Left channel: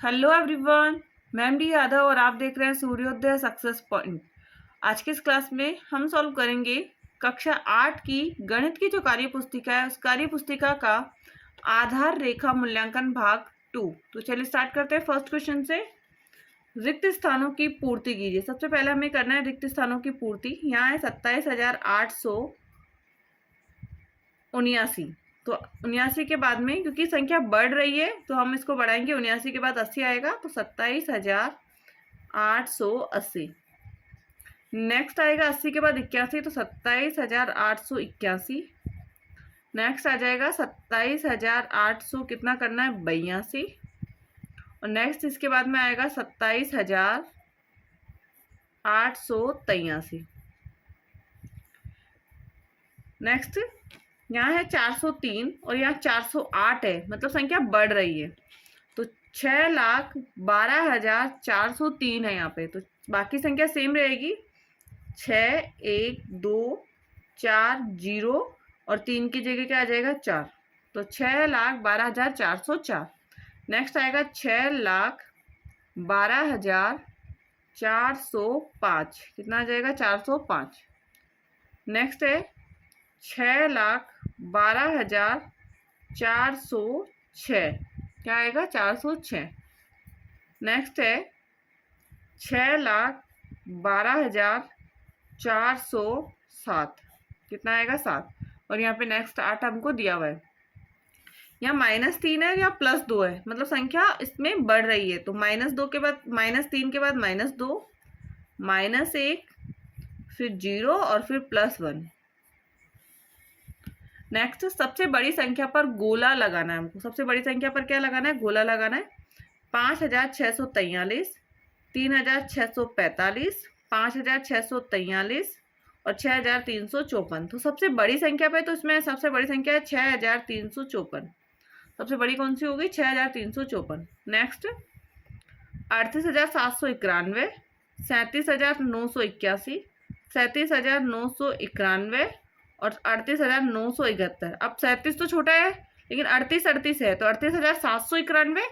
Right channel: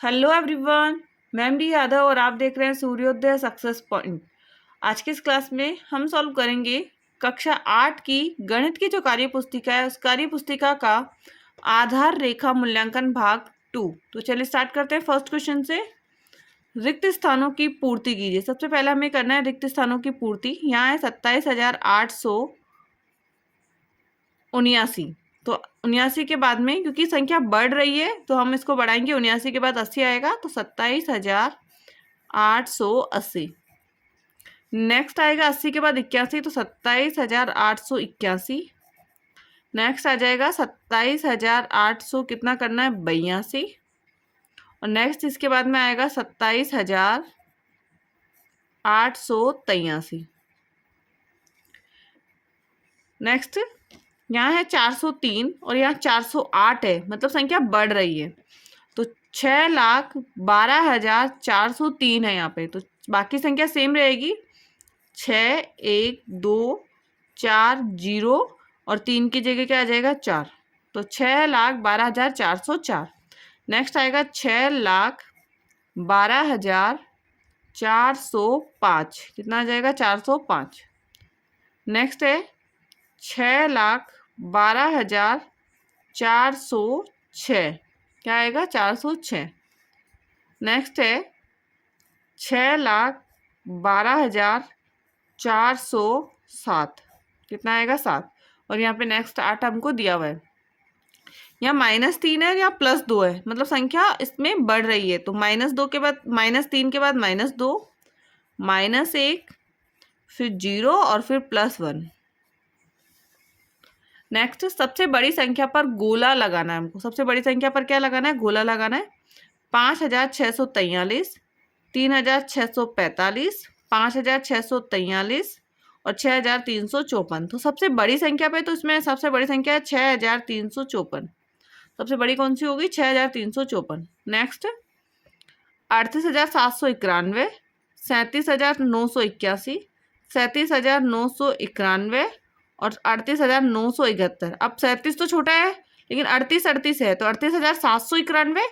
Hello everyone. मैं M D Yadav और आप देख रहे हैं सूर्योदय सक्सेस पॉइंट। आज की इस क्लास में हम सॉल्व करेंगे कक्षा 8 की गणित की जो कार्य पुस्तिका है उस कार्य पुस्तिका का आधार रेखा मूल्यांकन भाग 2। तो चलिए स्टार्ट करते हैं फर्स्ट क्वेश्चन से। रिक्त स्थानों की पूर्ति कीजिए। सबसे पहले हमें करना है रिक्त स्थानों की पूर्ति। यहाँ है 27,879। तो 79 के बाद में क्योंकि संख्या बढ़ रही है तो हम इसको बढ़ाएंगे। 79 के बाद 80 आएगा तो 27,880। नेक्स्ट आएगा 80 के बाद 81 तो 27,881। नेक्स्ट आ जाएगा 27,800 कितना करना है 82। और नेक्स्ट इसके बाद में आएगा 27,883। नेक्स्ट यहाँ है 403 और यहाँ 408 है, मतलब संख्या बढ़ रही है। तो 6,12,403 है यहाँ पे, तो बाकी संख्या सेम रहेगी। 6, 1, 2, 4 0 और 3 की जगह क्या आ जाएगा 4। तो 6,12,404। नेक्स्ट आएगा 6,12,405। कितना आ जाएगा 405। नेक्स्ट है 6,12,406। क्या आएगा 406। नेक्स्ट है 6,12,407। कितना आएगा 7। और यहाँ पे नेक्स्ट 8 हमको दिया हुआ है। यहाँ -3 है, यहाँ +2 है, मतलब संख्या इसमें बढ़ रही है। तो -2 के बाद -3 के बाद -2, -1, फिर 0 और फिर +1। नेक्स्ट सबसे बड़ी संख्या पर गोला लगाना है हमको। सबसे बड़ी संख्या पर क्या लगाना है, गोला लगाना है। 5,643, 3,645, 5,643 और 6,354। तो सबसे बड़ी संख्या पे तो इसमें सबसे बड़ी संख्या है 6,354। सबसे बड़ी कौन सी होगी 6,354। नेक्स्ट 38,791, 37,981, 37,991 और 38,971। अब 37 तो छोटा है लेकिन 38 है, तो 38,791,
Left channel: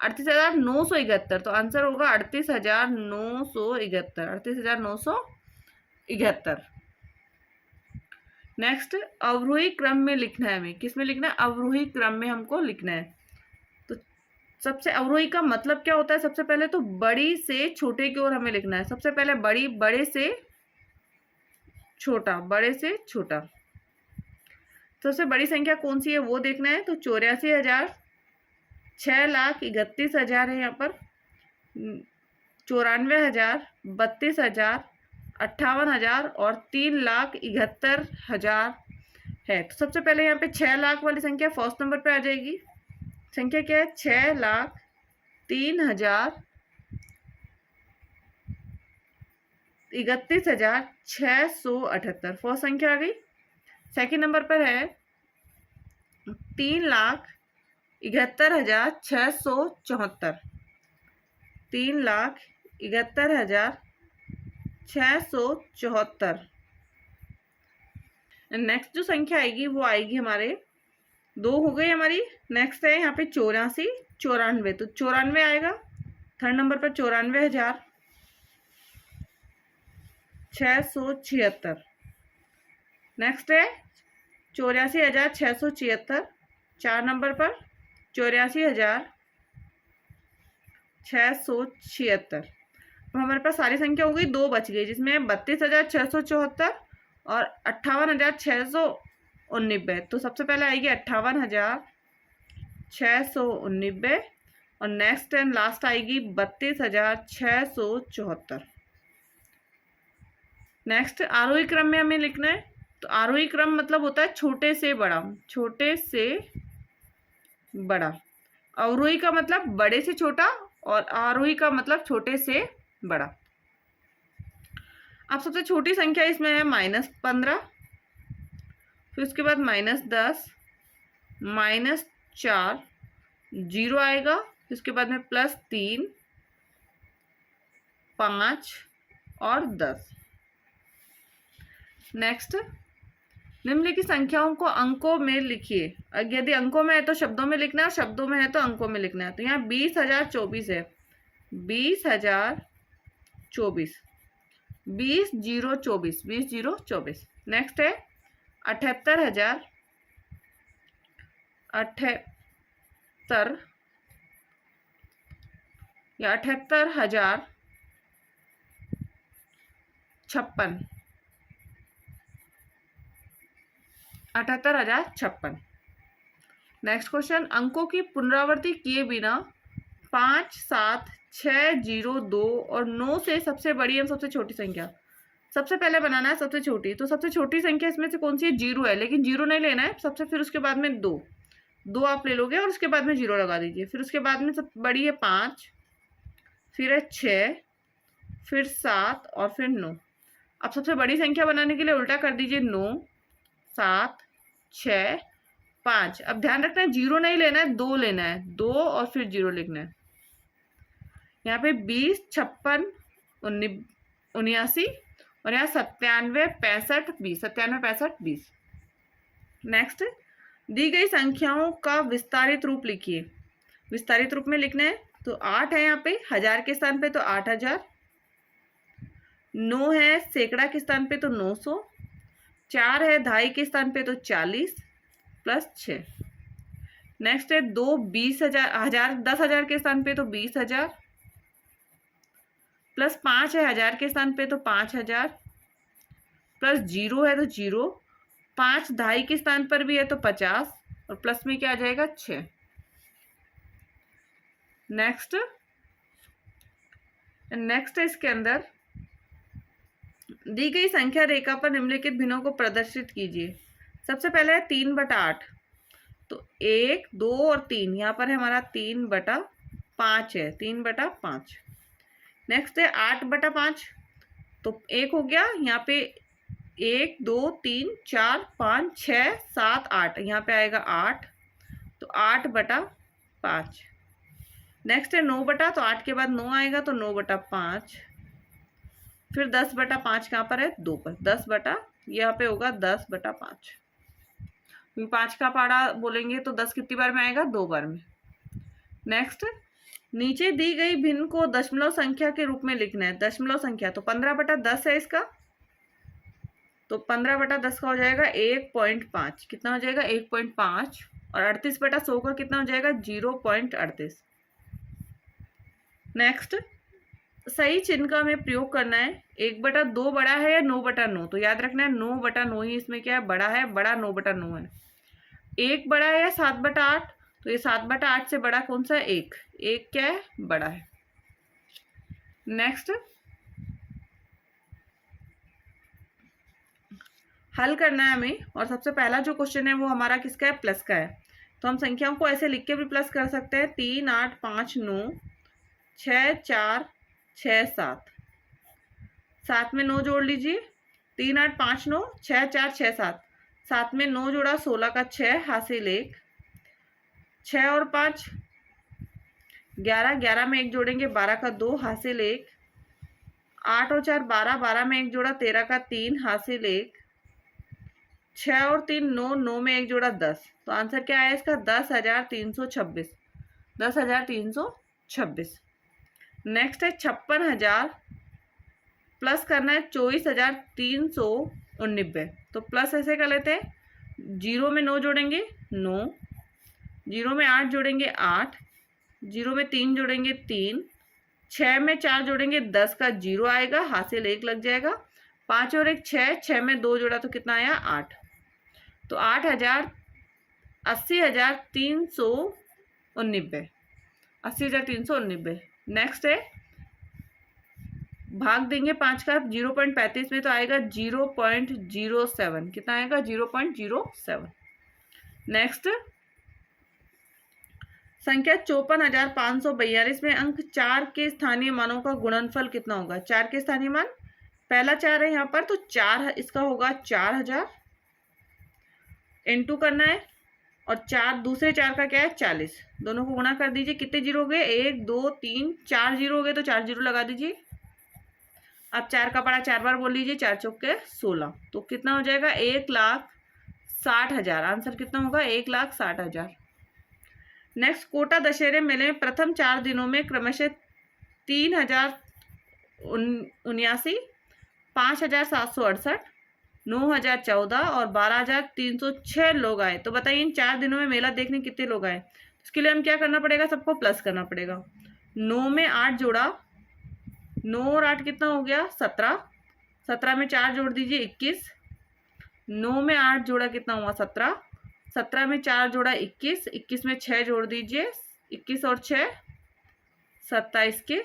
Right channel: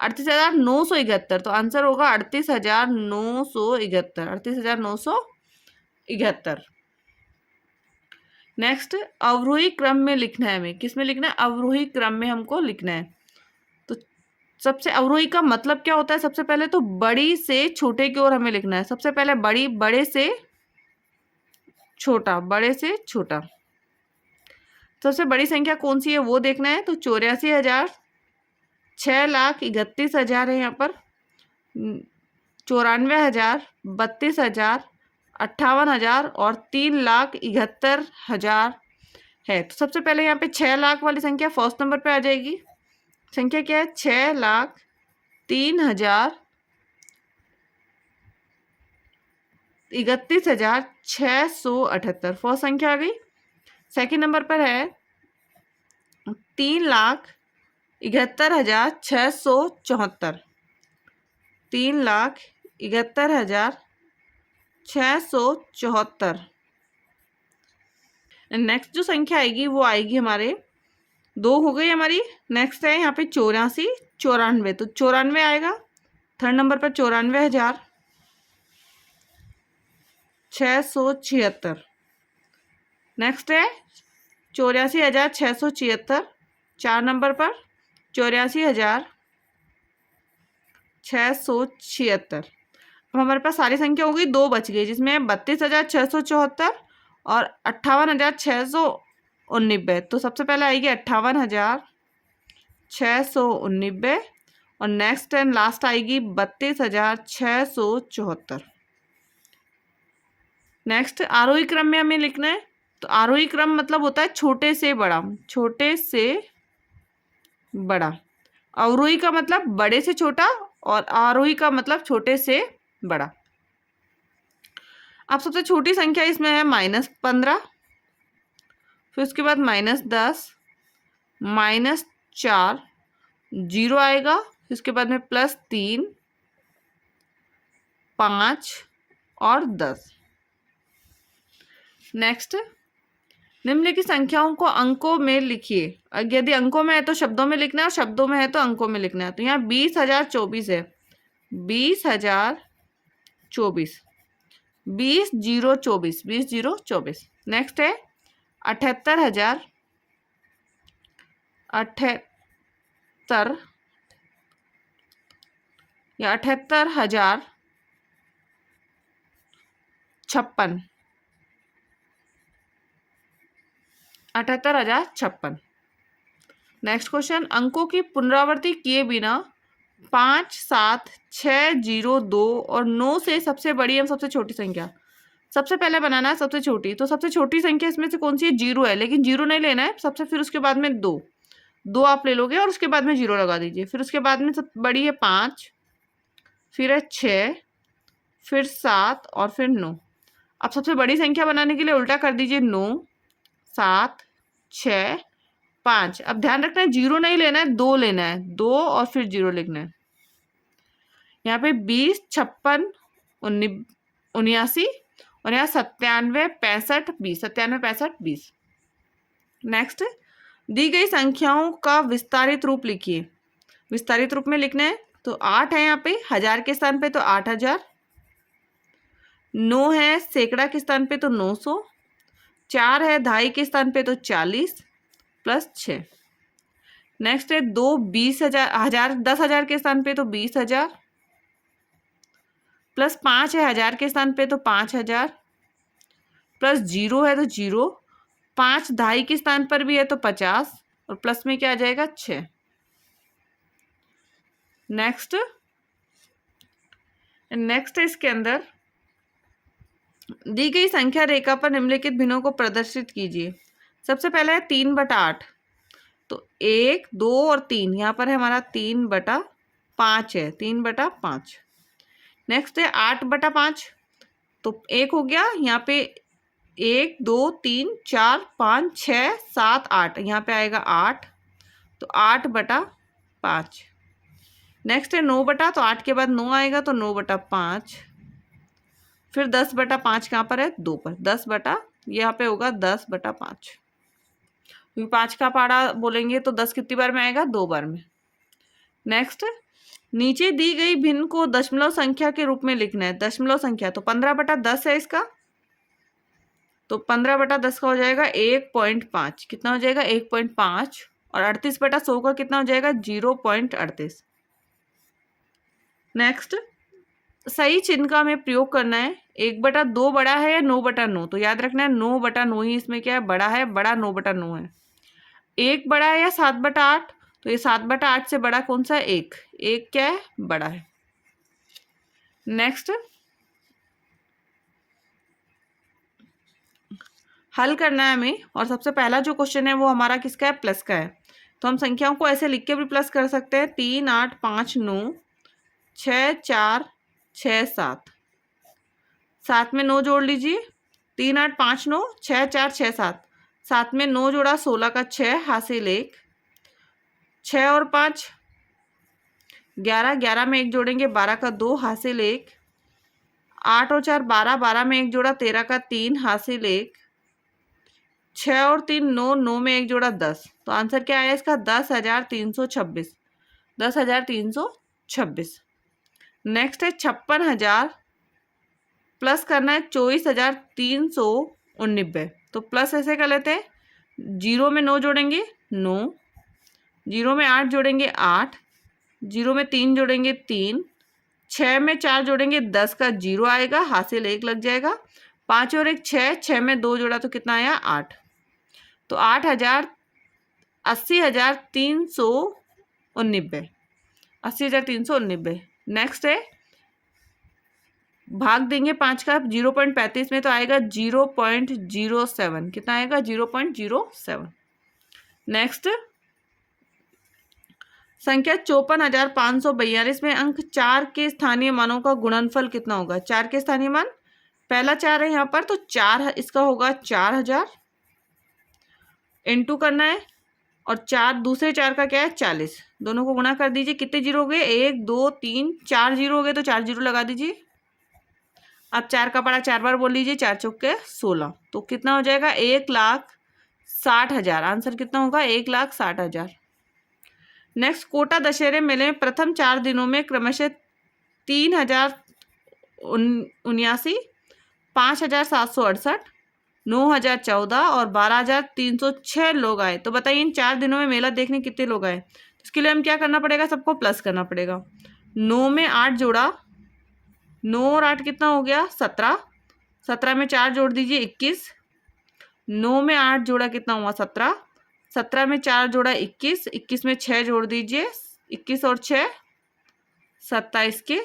38,971। तो आंसर होगा 38,971। 38,971। नेक्स्ट अवरोही क्रम में लिखना है हमें। किस में लिखना है, अवरोही क्रम में हमको लिखना है। तो सबसे अवरोही का मतलब क्या होता है, सबसे पहले तो बड़ी से छोटे की ओर हमें लिखना है। सबसे पहले बड़े से छोटा, बड़े से छोटा। सबसे बड़ी संख्या कौन सी है वो देखना है। तो 84,000, 6,31,000 है यहाँ पर, 94,000, 32,000, 58,000 और 3,71,000 है। तो सबसे पहले यहाँ पे 6 लाख वाली संख्या फर्स्ट नंबर पे आ जाएगी। संख्या क्या है 6,03,31,678। फर्स्ट संख्या आ गई। सेकंड नंबर पर है 3,71,674। 3,71,674। नेक्स्ट जो संख्या आएगी वो आएगी हमारे 2 हो गई हमारी। नेक्स्ट है यहाँ पे 84, 94। तो 94 आएगा थर्ड नंबर पर 94,676। नेक्स्ट है 84,676 4 नंबर पर 84,676। अब हमारे पास सारी संख्या हो गई, 2 बच गई जिसमें 32,674 और 58,689। तो सबसे पहले आएगी 58,689 और नेक्स्ट एंड लास्ट आएगी 32,674। नेक्स्ट आरोही क्रम में हमें लिखना है। तो आरोही क्रम मतलब होता है छोटे से बड़ा, छोटे से बड़ा। अवरोही का मतलब बड़े से छोटा और आरोही का मतलब छोटे से बड़ा। अब सबसे छोटी संख्या इसमें है -15, फिर उसके बाद -10, -4, 0 आएगा, फिर उसके बाद में +3, 5 और 10। नेक्स्ट निम्नलिखित संख्याओं को अंकों में लिखिए। यदि अंकों में है तो शब्दों में लिखना है, और शब्दों में है तो अंकों में लिखना है। तो यहाँ 20,024 है, 20,024, 20,024, 20,024। नेक्स्ट है 78,000, 78 या 78,056, 78,056। नेक्स्ट क्वेश्चन, अंकों की पुनरावृत्ति किए बिना 5, 7, 6, 0, 2 और 9 से सबसे बड़ी एवं सबसे छोटी संख्या। सबसे पहले बनाना है सबसे छोटी, तो सबसे छोटी संख्या इसमें से कौन सी है? 0 है, लेकिन 0 नहीं लेना है सबसे, फिर उसके बाद में 2 आप ले लोगे और उसके बाद में 0 लगा दीजिए। फिर उसके बाद में सब बड़ी है 5, फिर है 6, फिर 7 और फिर 9। अब सबसे बड़ी संख्या बनाने के लिए उल्टा कर दीजिए, 9, 7, 6, 5। अब ध्यान रखना है 0 नहीं लेना है, 2 लेना है, 2 और फिर 0 लिखना है। यहाँ पे 20, 56, 79 और यहाँ 97, 65, 20, 97, 65, 20। नेक्स्ट, दी गई संख्याओं का विस्तारित रूप लिखिए। विस्तारित रूप में लिखना है तो 8 है यहाँ पे, 1000 के स्थान पे तो 8,000, 9 है सैकड़ा के स्थान पे तो 900, 4 है दहाई के स्थान पे तो 40 प्लस 6। नेक्स्ट है 2 20,000, 10,000 के स्थान पे तो 20,000 प्लस 5 है 1000 के स्थान पे तो 5,000 प्लस 0 है तो 0, 5 दहाई के स्थान पर भी है तो 50 और प्लस में क्या आ जाएगा 6। नेक्स्ट है इसके अंदर दी गई संख्या रेखा पर निम्नलिखित भिन्नों को प्रदर्शित कीजिए। सबसे पहले है 3/8, तो 1, 2 और 3, यहाँ पर है हमारा 3/5 है, 3/5। नेक्स्ट है 8/5, तो 1 हो गया, यहाँ पे 1, 2, 3, 4, 5, 6, 7, 8, यहाँ पे आएगा 8, तो 8/5। नेक्स्ट है 9 तो 8 के बाद 9 आएगा तो 9/5। फिर 10/5 कहाँ पर है? 2 पर, 10 बटा, यहाँ पे होगा 10/5। 5 का पाड़ा बोलेंगे तो 10 कितनी बार में आएगा? 2 बार में। नेक्स्ट, नीचे दी गई भिन्न को दशमलव संख्या के रूप में लिखना है। दशमलव संख्या तो 15/10 है इसका, तो 15/10 का हो जाएगा 1.5। कितना हो जाएगा? 1.5। और 38/100 का कितना हो जाएगा? 0.38। नेक्स्ट, सही चिन्ह का हमें प्रयोग करना है। 1/2 बड़ा है या 9/9? तो याद रखना है 9/9 ही इसमें क्या है? बड़ा है, बड़ा 9/9 है। 1 बड़ा है या 7/8? तो ये 7/8 से बड़ा कौन सा है? 1। 1 क्या है? बड़ा है। नेक्स्ट, हल करना है हमें, और सबसे पहला जो क्वेश्चन है वो हमारा किसका है? प्लस का है। तो हम संख्याओं को ऐसे लिख के भी प्लस कर सकते हैं। 3, 8, 5, 9, 6, 4, 6, 7। 7 में 9 जोड़ लीजिए। 3, 8, 5, 9, 6, 4, 6, 7। 7 में 9 जोड़ा, 16 का 6, हासिल 1। 6 और 5 11, 11 में 1 जोड़ेंगे, 12 का 2, हासिल 1। 8 और 4 12, 12 में 1 जोड़ा, 13 का 3, हासिल 1। 6 और 3 9, 9 में 1 जोड़ा, 10। तो आंसर क्या आया इसका? 10,326। 10,326। नेक्स्ट है 56,000 प्लस करना है 24,389। तो प्लस ऐसे कर लेते हैं, 0 में 9 जोड़ेंगे 9, 0 में 8 जोड़ेंगे 8, 0 में 3 जोड़ेंगे 3, 6 में 4 जोड़ेंगे 10 का 0 आएगा, हासिल 1 लग जाएगा। 5 और 1 6, 6 में 2 जोड़ा तो कितना आया? 8। तो 80,389, 80,389। नेक्स्ट है भाग देंगे 5 का 0.35 में, तो आएगा 0.07। कितना आएगा? 0.07। नेक्स्ट, संख्या 54,542 में अंक 4 के स्थानीय मानों का गुणनफल कितना होगा? 4 के स्थानीय मान, पहला 4 है यहाँ पर, तो 4 इसका होगा 4,000। इंटू करना है, और 4 दूसरे 4 का क्या है? 40। दोनों को गुणा कर दीजिए। कितने जीरो हो गए? 1, 2, 3, 4 जीरो हो गए, तो 4 जीरो लगा दीजिए। अब 4 का पड़ा 4 बार बोल लीजिए, 4 चौके 16। तो कितना हो जाएगा? 1,00,000 60,000। आंसर कितना होगा? 1,60,000। नेक्स्ट, कोटा दशहरे मेले में प्रथम 4 दिनों में क्रमशः 3,079, 5,768, 9,014 और 12,306 लोग आए। तो बताइए इन 4 दिनों में मेला देखने कितने लोग आए? इसके लिए हम क्या करना पड़ेगा? सबको प्लस करना पड़ेगा। 9 में 8 जोड़ा, 9 और 8 कितना हो गया? 17। 17 में 4 जोड़ दीजिए, 21। 9 में 8 जोड़ा कितना हुआ? 17। 17 में 4 जोड़ा 21। 21 में 6 जोड़ दीजिए, 21 और 6 27 के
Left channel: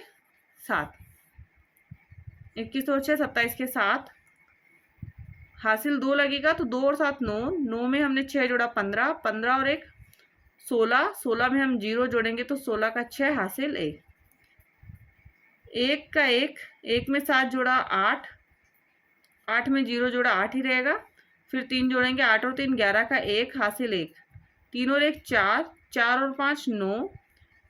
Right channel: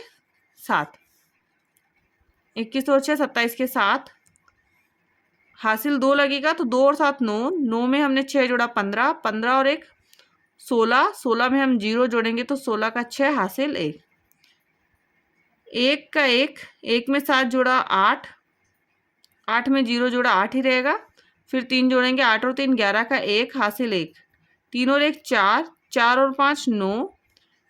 7। 21 और 6 27 के 7। हासिल 2 लगेगा तो 2 और 7 9। 9 में हमने 6 जोड़ा 15। 15 और 1 16। 16 में हम 0 जोड़ेंगे तो 16 का 6 हासिल 1। 1 का 1। 1 में 7 जोड़ा 8। 8 में 0 जोड़ा 8 ही रहेगा। फिर 3 जोड़ेंगे, 8 और 3 11 का 1 हासिल 1। 3 और 1 4। 4 और 5 9।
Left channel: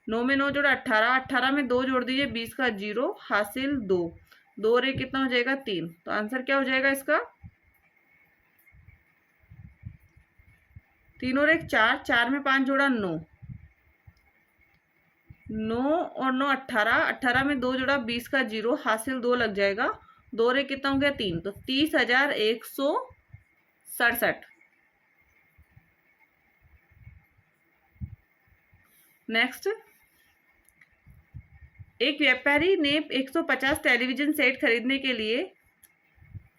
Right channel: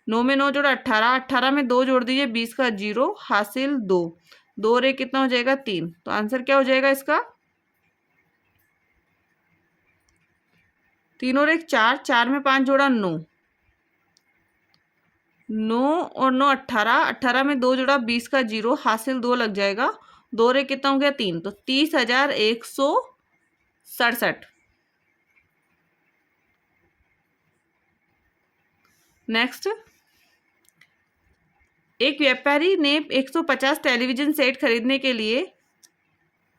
9 में 9 जोड़ा 18। 18 में 2 जोड़ दीजिए, 20 का 0 हासिल 2। 2 और 1 कितना हो जाएगा? 3। तो आंसर क्या हो जाएगा इसका? 3 और 1 4। 4 में 5 जोड़ा 9। 9 और 9 18। 18 में 2 जोड़ा 20 का 0 हासिल 2 लग जाएगा। 2 और 1 कितना हो गया? 3। तो 30,167। नेक्स्ट, एक व्यापारी ने 150 टेलीविजन सेट खरीदने के लिए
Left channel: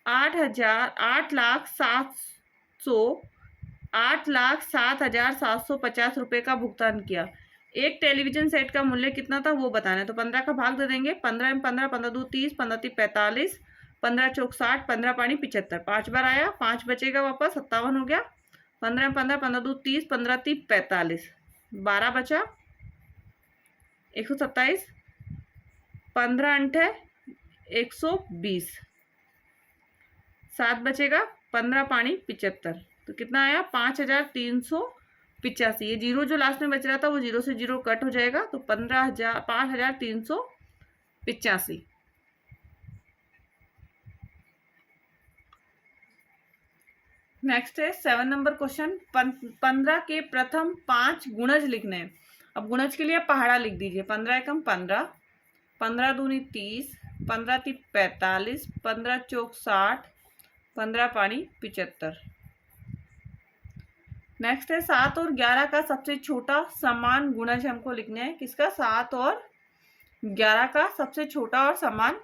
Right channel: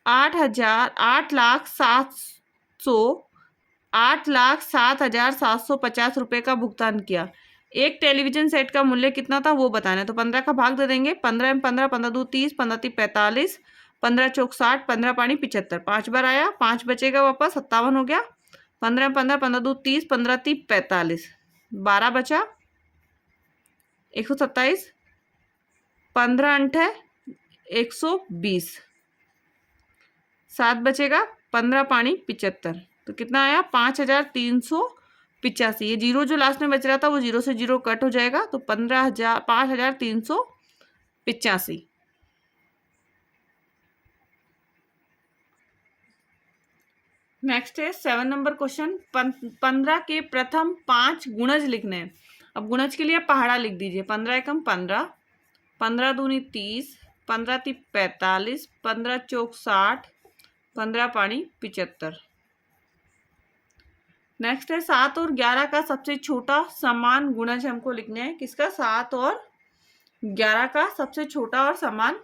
8,07,750 रुपये का भुगतान किया। एक टेलीविजन सेट का मूल्य कितना था वो बताना है। तो 15 का भाग दे देंगे। 15 में 15, 15 दो 30, 15 तीन 45, 15 चौक 60, 15 पानी 75। 5 बार आया, 5 बचेगा वापस, 57 हो गया। 15 में 15, 15 दो 30, 15 तीन 45, 12 बचा, 127, 15 अंठ है 120, 7 बचेगा, 15 पानी 75। तो कितना आया? 5,385। ये 0 जो लास्ट में बच रहा था वो 0 से 0 कट हो जाएगा। तो 5,385। नेक्स्ट है 7 नंबर क्वेश्चन। 15 के प्रथम 5 गुणज लिखने हैं। अब गुणज के लिए पहाड़ा लिख दीजिए। 15 एकम 15, 15 दूनी 30, 15 ती 45, 15 चौक 60, 15 पानी 75। नेक्स्ट है 7 और 11 का सबसे छोटा समान गुणज हमको लिखना है। किसका? 7 और 11 का सबसे छोटा और समान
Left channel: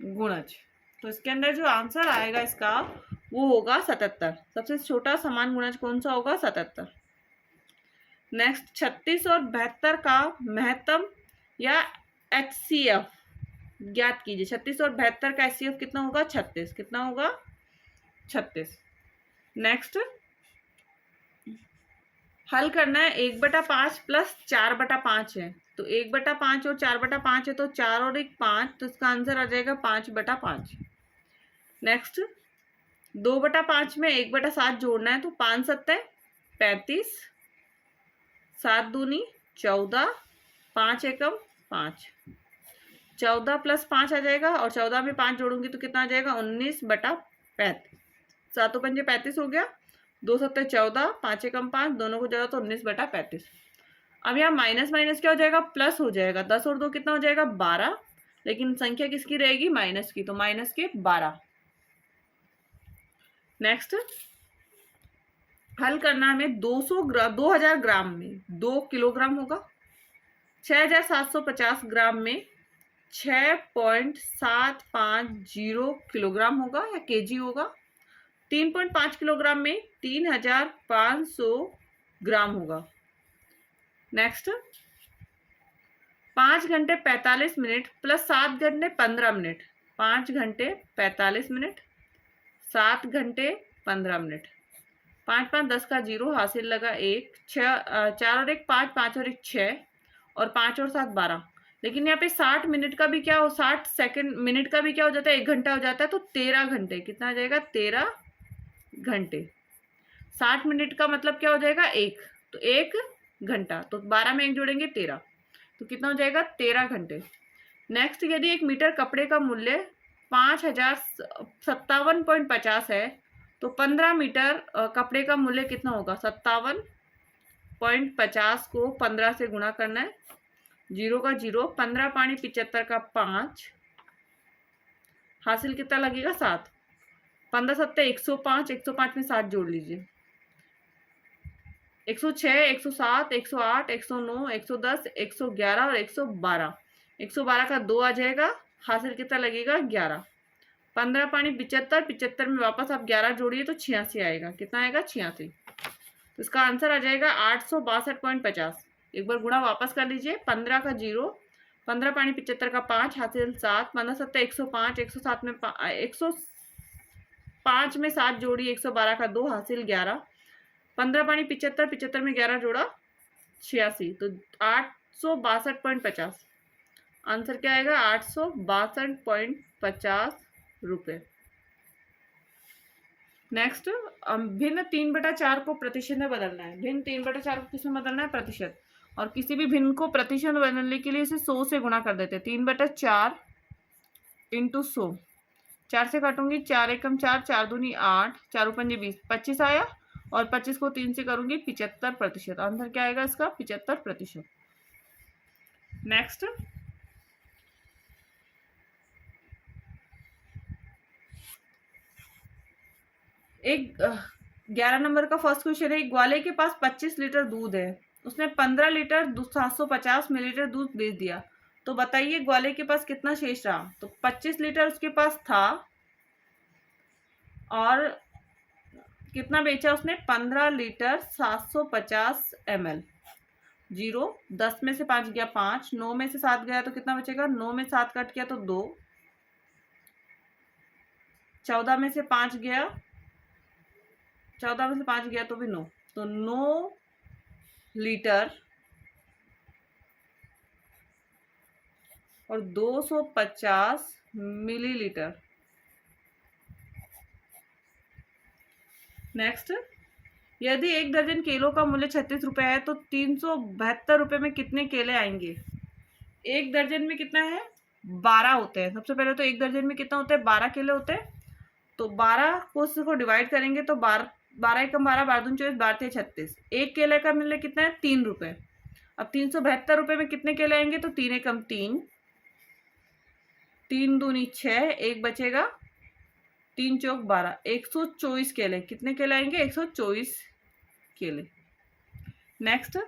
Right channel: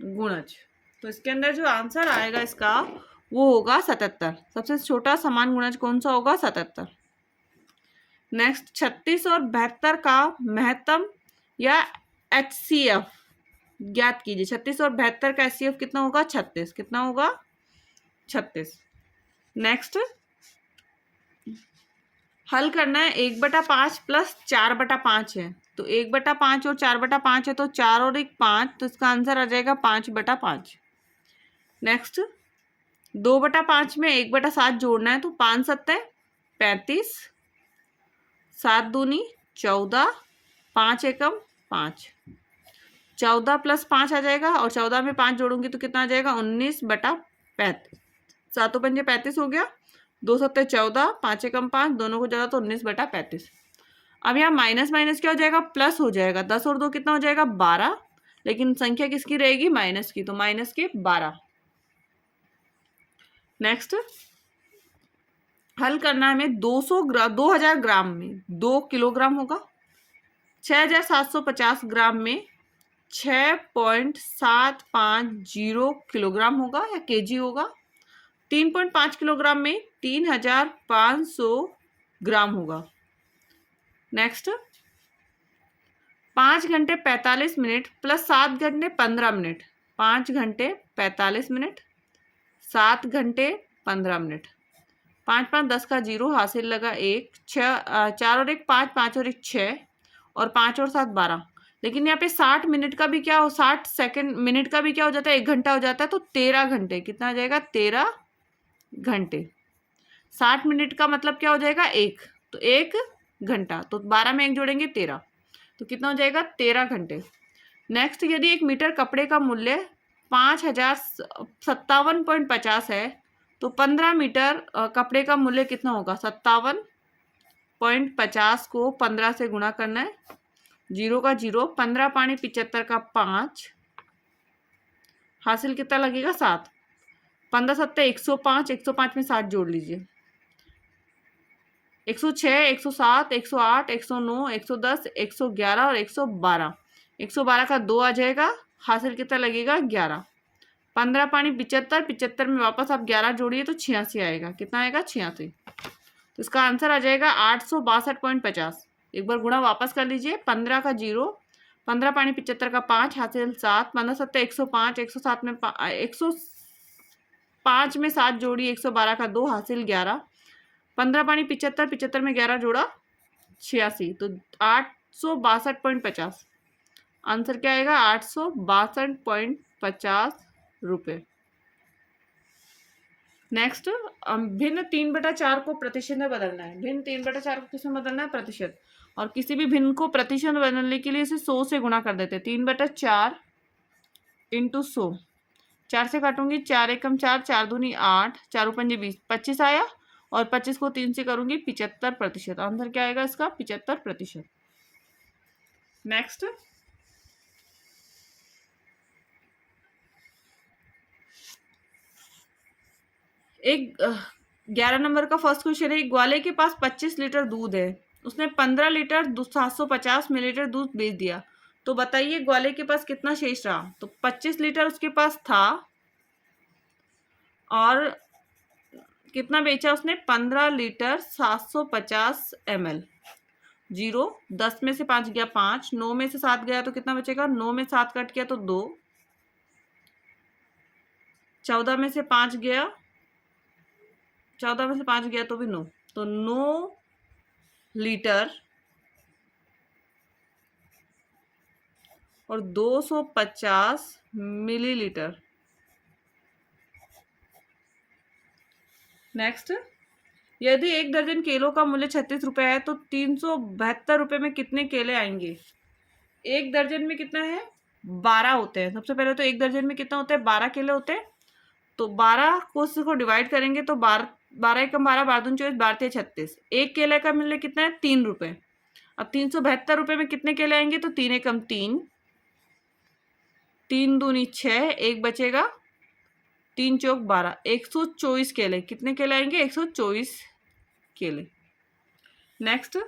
गुणज। तो इसके अंदर जो आंसर आएगा इसका वो होगा 77। सबसे छोटा समान गुणज कौन सा होगा? 77। नेक्स्ट, 36 और 72 का महत्तम या HCF ज्ञात कीजिए। 36 और 72 का HCF कितना होगा? 36। कितना होगा? 36। नेक्स्ट, हल करना है। 1/5 प्लस 4/5 है। तो 1/5 और 4/5 है तो 4 और 1 5। तो इसका आंसर आ जाएगा 5/5। नेक्स्ट, 2/5 में 1/7 जोड़ना है। तो 5 7 35, 7 दूनी 14, 5 एकम 5, 14 प्लस 5 आ जाएगा। और 14 में 5 जोड़ूंगी तो कितना आ जाएगा? 19/35। 7 पंजे 35 हो गया। 2 7 14, 5 एकम 5, दोनों को जोड़ा तो 19/35। अब यहाँ माइनस माइनस क्या हो जाएगा? प्लस हो जाएगा। 10 और 2 कितना हो जाएगा? 12। लेकिन संख्या किसकी रहेगी? माइनस की। तो माइनस के 12। नेक्स्ट, हल करना है हमें। 2000 ग्राम में 2 किलोग्राम होगा। 6,750 ग्राम में 6.750 किलोग्राम होगा या केजी होगा। 3.5 किलोग्राम में 3,500 ग्राम होगा। नेक्स्ट, 5 घंटे 45 मिनट प्लस 7 घंटे 15 मिनट। 5 घंटे 45 मिनट, 7 घंटे 15 मिनट। 5 5 10 का 0 हासिल लगा 1, 6 4 और 1 5, 5 और 1 6, और 5 और 7 12। लेकिन यहाँ पे 60 मिनट का भी क्या हो, 60 सेकंड मिनट का भी क्या हो जाता है? 1 घंटा हो जाता है। तो 13 घंटे। कितना आ जाएगा? 13 घंटे। 60 मिनट का मतलब क्या हो जाएगा? 1। तो 1 घंटा। तो 12 में 1 जोड़ेंगे 13। तो कितना हो जाएगा? 13 घंटे। नेक्स्ट, यदि 1 मीटर कपड़े का मूल्य 5,057.50 है तो 15 मीटर कपड़े का मूल्य कितना होगा? 57.50 को 15 से गुणा करना है, 0 का 0, 15 पानी 75 का 5, हासिल कितना लगेगा? 7। 15 सत्ते 105, 105 में 7 जोड़ लीजिए, 106, 107, 108, 109, 110, 111 और 112। 112 का 2 आ जाएगा, हासिल कितना लगेगा? 11। 15 पानी 75, 75 में वापस आप 11 जोड़िए तो 86 आएगा। कितना आएगा? 86। तो इसका आंसर आ जाएगा 862.50। एक बार गुणा वापस कर लीजिए, 15 का 0, 15 पानी 75 का 5, हासिल 7, 15 सत्ते 105, 107 में 105 में 7 जोड़ी, 112 का 2, हासिल 11, 15 पानी 75, 75 में 11 जोड़ा 86, तो 862.50। आंसर क्या आएगा? 862.50 रुपये। नेक्स्ट, भिन्न 3/4 को प्रतिशत में बदलना है। भिन्न 3/4 को किसमें बदलना है? प्रतिशत। और किसी भी भिन्न को प्रतिशत में बदलने के लिए इसे 100 से गुणा कर देते हैं। 3/4 इंटू 100, 4 से काटूंगी, 4 एकम 4, 4 दूनी 8, 4 पंजे 20, 25 आया। और 25 को 3 से करूंगी, 75%। आंसर क्या आएगा इसका? 75%। नेक्स्ट, एक 11 नंबर का फर्स्ट क्वेश्चन है। एक ग्वाले के पास 25 लीटर दूध है, उसने 15 लीटर 750 मिलीलीटर दूध बेच दिया, तो बताइए ग्वाले के पास कितना शेष रहा? तो 25 लीटर उसके पास था और कितना बेचा उसने? 15 लीटर 750 ml। 0, 10 में से 5 गया 5, 9 में से 7 गया तो कितना बचेगा? 9 में 7 कट गया तो 2, 14 में से 5 गया, 14 में से 5 गया तो भी 9, तो 9 लीटर और 250 मिलीलीटर। नेक्स्ट, यदि 1 दर्जन केलों का मूल्य 36 रुपये है तो 372 रुपये में कितने केले आएंगे? 1 दर्जन में कितना है? 12 होते हैं। सबसे पहले तो 1 दर्जन में कितना होता है? 12 केले होते हैं। तो 12 को उसको डिवाइड करेंगे तो 12 एकम 12, 12 दूनी 24, 12 तिया 36। 1 केले का मूल्य कितना है? 3 रुपये। अब 372 रुपये में कितने केले आएंगे? तो 3 एकम 3, 3 दूनी 6, 1 बचेगा, 3 चौक 12, 124 केले। कितने केले आएंगे? 124 केले। नेक्स्ट,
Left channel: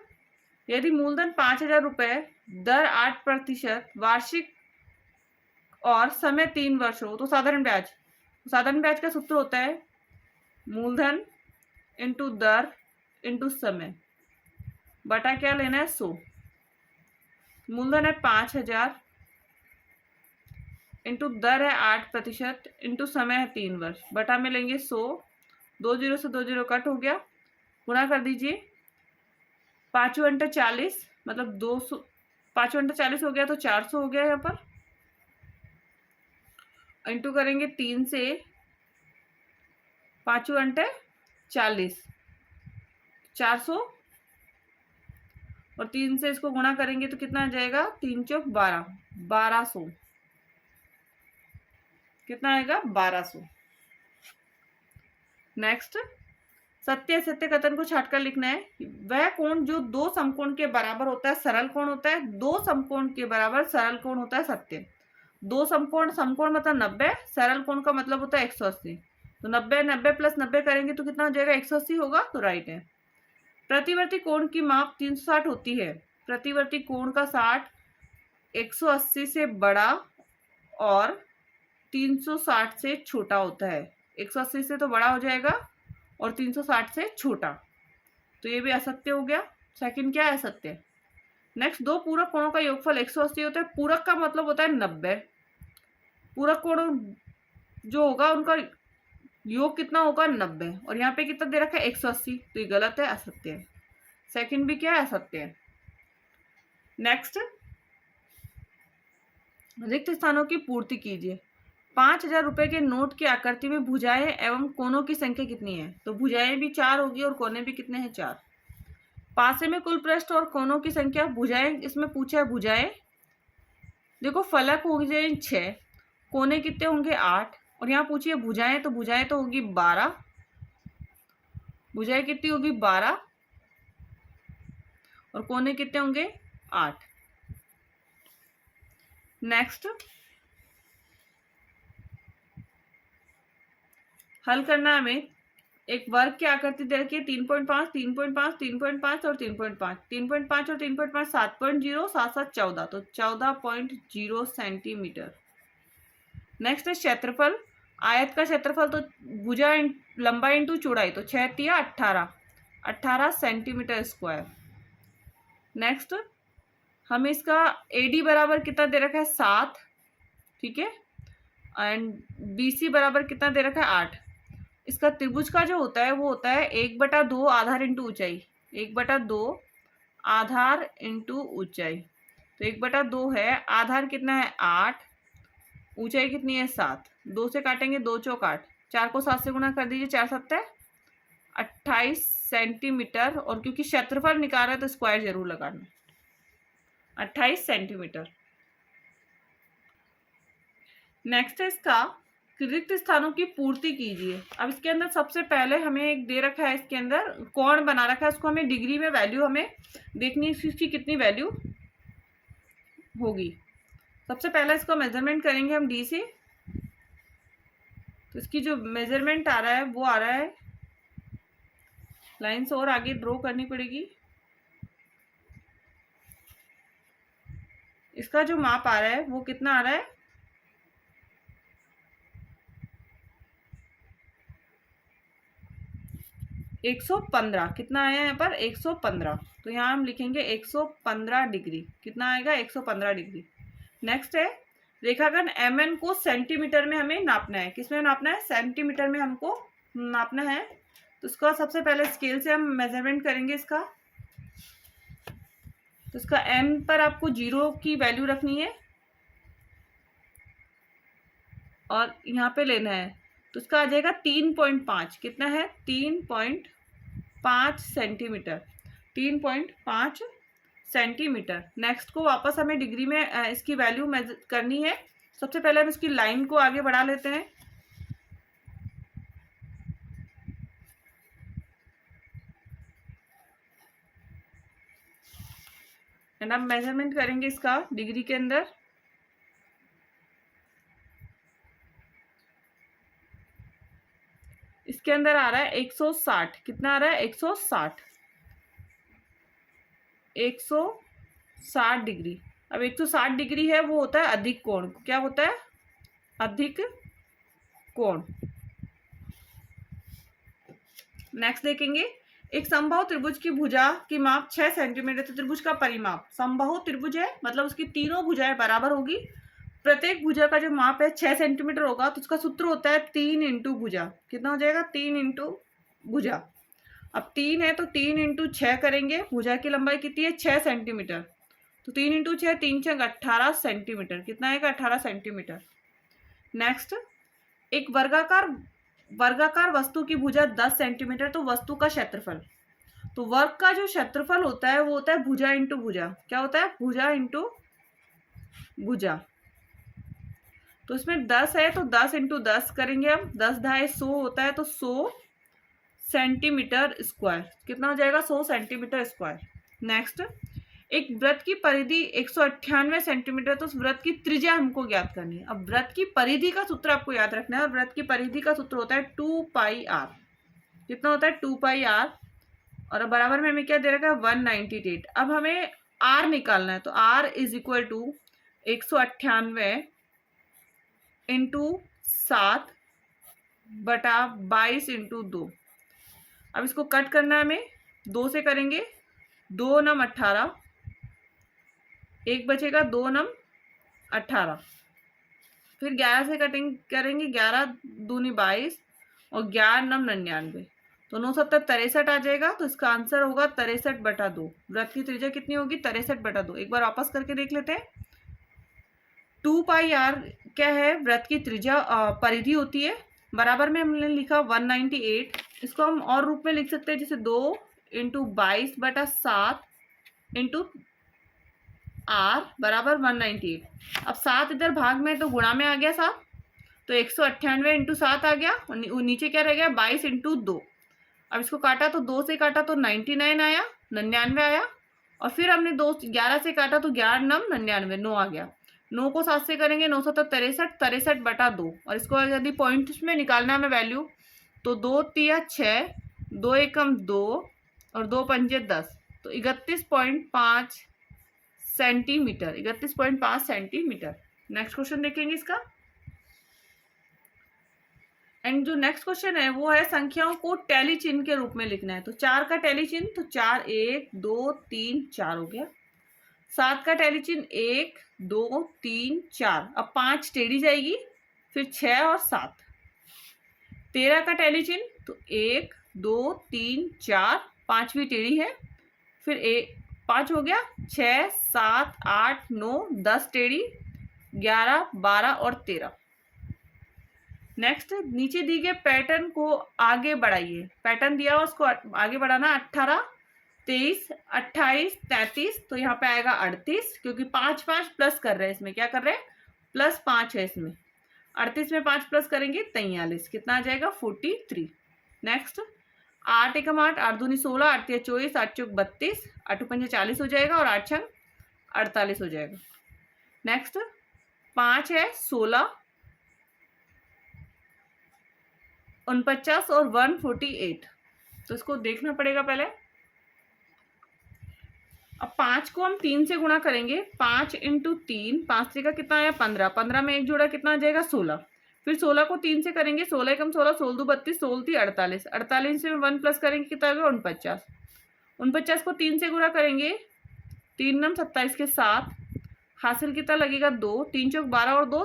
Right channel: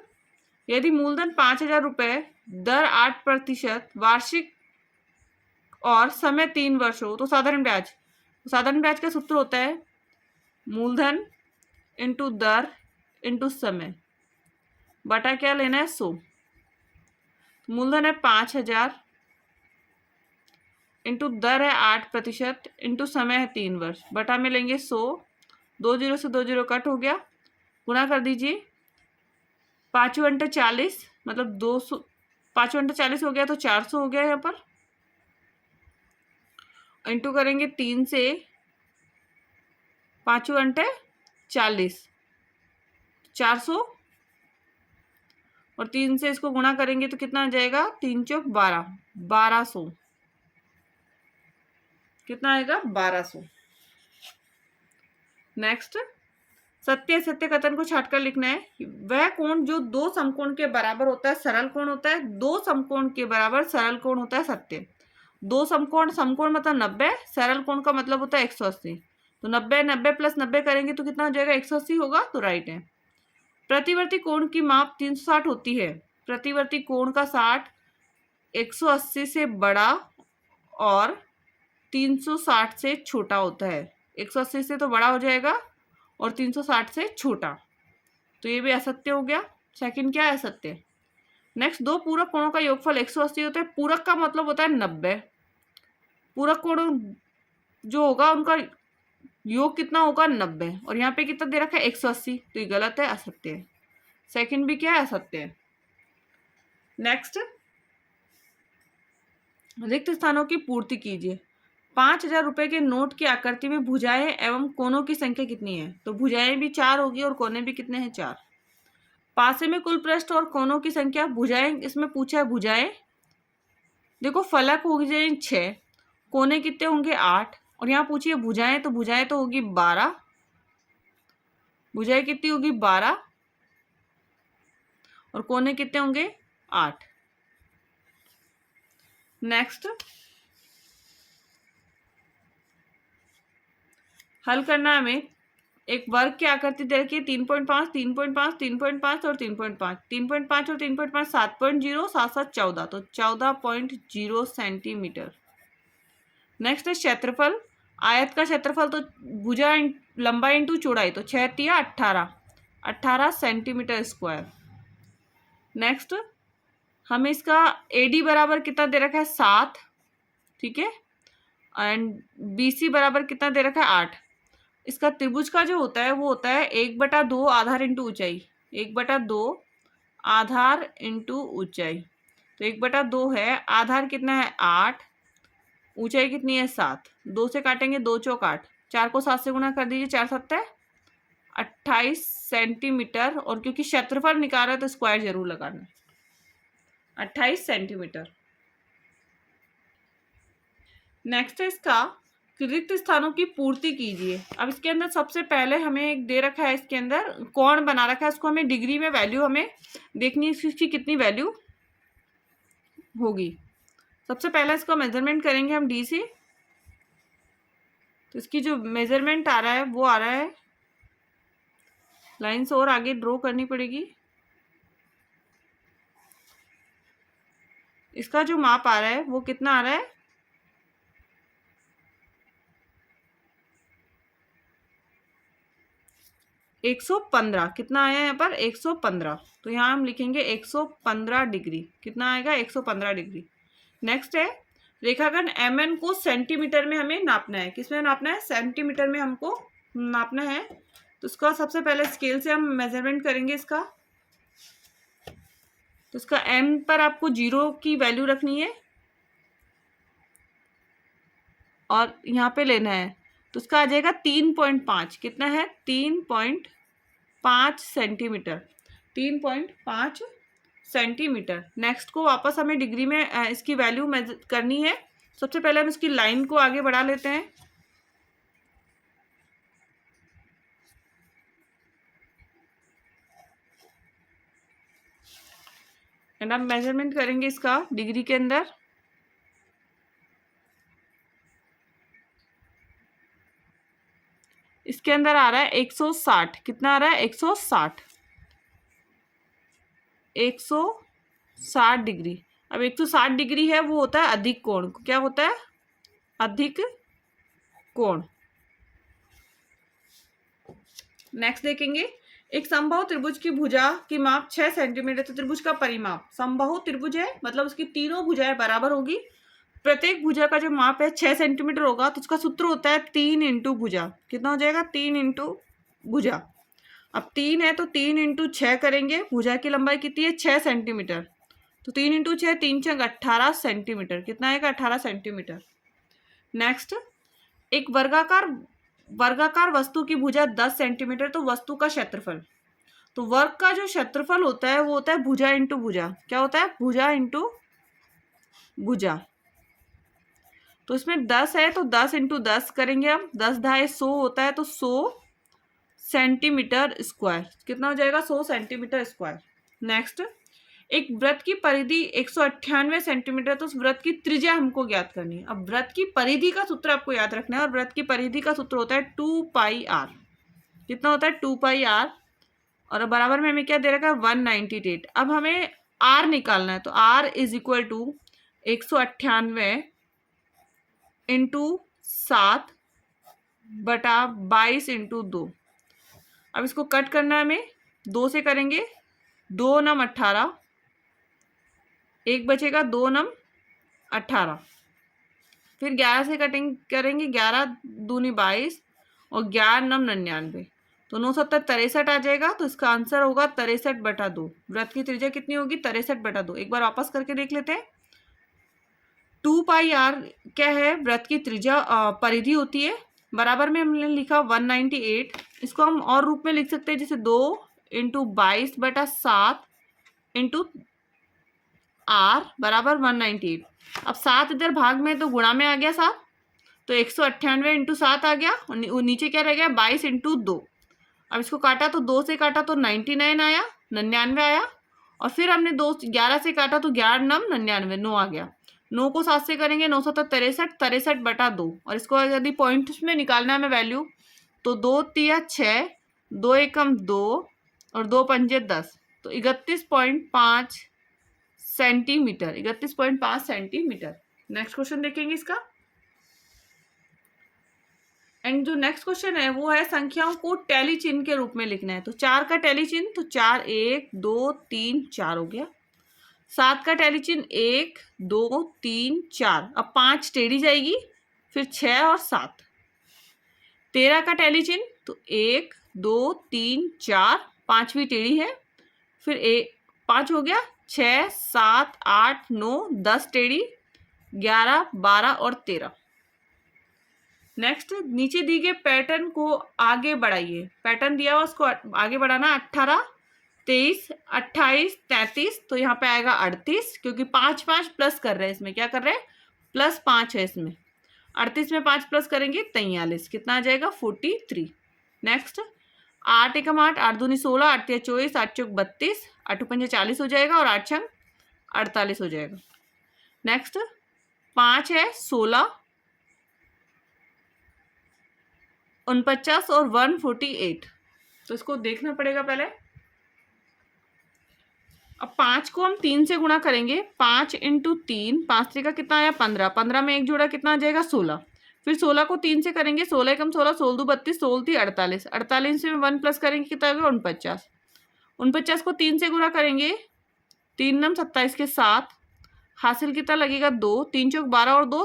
यदि मूलधन 5,000 रुपये, दर 8% वार्षिक और समय 3 वर्ष हो तो साधारण ब्याज। साधारण ब्याज का सूत्र होता है मूलधन इंटू दर इंटू समय बटा क्या लेना है? 100। मूलधन है 5,000 इंटू दर है 8% इंटू समय है 3 वर्ष, बटा में लेंगे 100। 2 0 से 2 0 कट हो गया, गुणा कर दीजिए। 5 × 40 मतलब 200, 5 × 40 हो गया तो 400 हो गया यहाँ पर। इंटू करेंगे 3 से, 5 × 40 400, और 3 से इसको गुणा करेंगे तो कितना आ जाएगा? 3 चौक 12, 1200। कितना आएगा? 1200। नेक्स्ट, सत्य असत्य कथन को छाटकर लिखना है। वह कोण जो 2 समकोण के बराबर होता है सरल कोण होता है, 2 समकोण के बराबर सरल कोण होता है सत्य। 2 समकोण, समकोण मतलब 90, सरल कोण का मतलब होता है 180। तो 90 90 + 90 करेंगे तो कितना हो जाएगा? 180 होगा, तो राइट है। प्रतिवर्ती कोण की माप 360 होती है। प्रतिवर्ती कोण का 60 180 से बड़ा और 360 से छोटा होता है। 180 से तो बड़ा हो जाएगा और 360 से छोटा, तो ये भी असत्य हो गया। सेकंड क्या है? असत्य। नेक्स्ट, 2 पूरक कोणों का योगफल 180 होता है। पूरक का मतलब होता है 90। पूरक कोण जो होगा उनका योग कितना होगा? 90। और यहाँ पे कितना दे रखा है? 180, तो ये गलत है, असत्य है। सेकंड भी क्या है? असत्य है। नेक्स्ट, रिक्त स्थानों की पूर्ति कीजिए। 5,000 रुपये के नोट की आकृति में भुजाएं एवं कोनों की संख्या कितनी है? तो भुजाएं भी 4 होगी और कोने भी कितने हैं? 4। पासे में कुल पृष्ठ और कोनों की संख्या। भुजाएं इसमें पूछा है। भुजाएं देखो, फलक हो जाए 6, कोने कितने होंगे? 8, और यहाँ पूछिए भुजाएं, तो भुजाएं तो होगी 12 भुजाएं कितनी होगी 12 और कोने कितने होंगे 8। नेक्स्ट हल करना हमें। एक वर्ग की आकृति दे रखी है 3.5, 3.5, 3.5 और 3.5। 3.5 और 3.5 7.0, 7 7 14, तो 14.0 सेंटीमीटर। नेक्स्ट है क्षेत्रफल। आयत का क्षेत्रफल तो भुजा लंबाई इंटू चौड़ाई, तो 6 तिया 18 सेंटीमीटर स्क्वायर। नेक्स्ट हमें इसका एडी बराबर कितना दे रखा है 7, ठीक है, एंड बीसी बराबर कितना दे रखा है 8। इसका त्रिभुज का जो होता है वो होता है 1/2 आधार इंटू ऊंचाई, 1/2 आधार इंटू ऊंचाई। तो 1/2 है, आधार कितना है 8, ऊंचाई कितनी है 7। 2 से काटेंगे 2 चौक 8, 4 को 7 से गुणा कर दीजिए, 4 7 28 सेंटीमीटर। और क्योंकि क्षेत्रफल निकाल रहा है तो स्क्वायर जरूर लगाना है, 28 सेंटीमीटर। नेक्स्ट है इसका रिक्त स्थानों की पूर्ति कीजिए। अब इसके अंदर सबसे पहले हमें एक दे रखा है, इसके अंदर कोण बना रखा है, इसको हमें डिग्री में वैल्यू हमें देखनी है, इसकी कितनी वैल्यू होगी। सबसे पहले इसको मेजरमेंट करेंगे हम डी से। तो इसकी जो मेजरमेंट आ रहा है वो आ रहा है, लाइन्स और आगे ड्रॉ करनी पड़ेगी। इसका जो माप आ रहा है वो कितना आ रहा है 115। कितना आया यहाँ पर 115, तो यहाँ हम लिखेंगे 115 डिग्री। कितना आएगा 115 डिग्री। नेक्स्ट है रेखाखंड एम को सेंटीमीटर में हमें नापना है। किसमें नापना है सेंटीमीटर में हमको नापना है। तो इसका सबसे पहले स्केल से हम मेजरमेंट करेंगे इसका। तो इसका एम पर आपको 0 की वैल्यू रखनी है और यहाँ पे लेना है, तो इसका आ जाएगा 3.5। कितना है 3.5 सेंटीमीटर, 3.5 सेंटीमीटर। नेक्स्ट को वापस हमें डिग्री में इसकी वैल्यू करनी है। सबसे पहले हम इसकी लाइन को आगे बढ़ा लेते हैं। एंड अब मेजरमेंट करेंगे इसका डिग्री के अंदर। इसके अंदर आ रहा है 160। कितना आ रहा है 160, 160 डिग्री। अब 160 डिग्री है वो होता है अधिक कोण। क्या होता है अधिक कोण। नेक्स्ट देखेंगे एक समबाहु त्रिभुज की भुजा की माप 6 सेंटीमीटर। तो त्रिभुज का परिमाप, समबाहु त्रिभुज है मतलब उसकी तीनों भुजाएं बराबर होगी। प्रत्येक भुजा का जो माप है 6 सेंटीमीटर होगा। तो उसका सूत्र होता है 3 इंटू भुजा। कितना हो जाएगा 3 इंटू भुजा। अब 3 है तो 3 इंटू 6 करेंगे। भुजा की लंबाई कितनी है 6 सेंटीमीटर, तो 3 इंटू 6 3 6 18 सेंटीमीटर। कितना आएगा 18 सेंटीमीटर। नेक्स्ट एक वर्गाकार वस्तु की भुजा 10 सेंटीमीटर, तो वस्तु का क्षेत्रफल। तो वर्ग का जो क्षेत्रफल होता है वो होता है भुजा इंटू भुजा। क्या होता है भुजा इंटू भुजा। तो इसमें 10 है तो 10 इंटू 10 करेंगे हम। 10 ढाई 100 होता है तो 100 सेंटीमीटर स्क्वायर। कितना हो जाएगा 100 सेंटीमीटर स्क्वायर। नेक्स्ट एक वृत्त की परिधि 198 सेंटीमीटर, तो उस वृत्त की त्रिज्या हमको ज्ञात करनी है। अब वृत्त की परिधि का सूत्र आपको याद रखना है, और वृत्त की परिधि का सूत्र होता है 2πr। कितना होता है 2πr, और बराबर में हमें क्या दे रखा है 198। अब हमें r निकालना है, तो r is equal to 198 into 7/22 into 2। अब इसको कट करना है हमें, 2 से करेंगे, 2 नम 18, एक बचेगा 2 नम 18। फिर 11 से कटिंग करेंगे, 11 दूनी 22 और 11 नम 99, तो 9 7 63 आ जाएगा। तो इसका आंसर होगा 63/2। वृत्त की त्रिज्या कितनी होगी 63/2। एक बार वापस करके देख लेते हैं। 2πr क्या है वृत्त की त्रिज्या परिधि होती है। बराबर में हमने लिखा 198। इसको हम और रूप में लिख सकते हैं, जैसे 2 इंटू 22/7 इंटू r बराबर 198। अब 7 इधर भाग में तो गुणा में आ गया 7, तो 198 इंटू 7 आ गया, और नीचे क्या रह गया 22 इंटू 2। अब इसको काटा तो 2 से काटा तो 99 आया, 99 आया। और फिर हमने 11 से काटा तो 11 नम 99, 9 आ गया। 9 को 7 से करेंगे 9 7 63, 63 बटा 2। और इसको यदि पॉइंट्स में निकालना है हमें वैल्यू, तो 2 तिया 6, 2 एकम 2 और 2 पंजे 10, तो 31.5 सेंटीमीटर, 31.5 सेंटीमीटर। नेक्स्ट क्वेश्चन देखेंगे इसका। एंड जो नेक्स्ट क्वेश्चन है वो है संख्याओं को टैली चिन्ह के रूप में लिखना है। तो 4 का टैली चिन्ह, तो 4 1 2 3 4 हो गया। 7 का टैली चिन्ह 1 2 3 4, अब 5 टेढ़ी जाएगी, फिर 6 और 7। 13 का टैली चिन्ह, तो 1 2 3 4, 5वीं टेढ़ी है, फिर 5 हो गया, 6 7 8 9 10 टेढ़ी, 11 12 और 13। नेक्स्ट, नीचे दी गए पैटर्न को आगे बढ़ाइए। पैटर्न दिया हुआ उसको आगे बढ़ाना। 18 23 28 33, तो यहाँ पे आएगा 38, क्योंकि 5 5 प्लस कर रहे हैं इसमें। क्या कर रहे हैं? प्लस 5 है इसमें। 38 में 5 प्लस करेंगे 43, कितना आ जाएगा? 43। नेक्स्ट, 8 एकम 8, 8 दूनी 16, 8 तिया 24, 8 चौक 32, 8 पंजे 40 हो जाएगा और 8 छंग 48 हो जाएगा। नेक्स्ट, 5 है 16, 49 और 148, तो इसको देखना पड़ेगा पहले। अब 5 को हम 3 से गुणा करेंगे। 5 इंटू 3, 5 3 का कितना आया? 15, 15 में एक जोड़ा कितना आ जाएगा? 16। फिर 16 को 3 से करेंगे। 16 कम 16, 16 दो 32, 16 थी 48, 48 से 1 प्लस करेंगे कितना होगा? 49। 49 को 3 से गुणा करेंगे, 3 नम 27 के 7, हासिल कितना लगेगा? 2, 3 चौक 12 और 2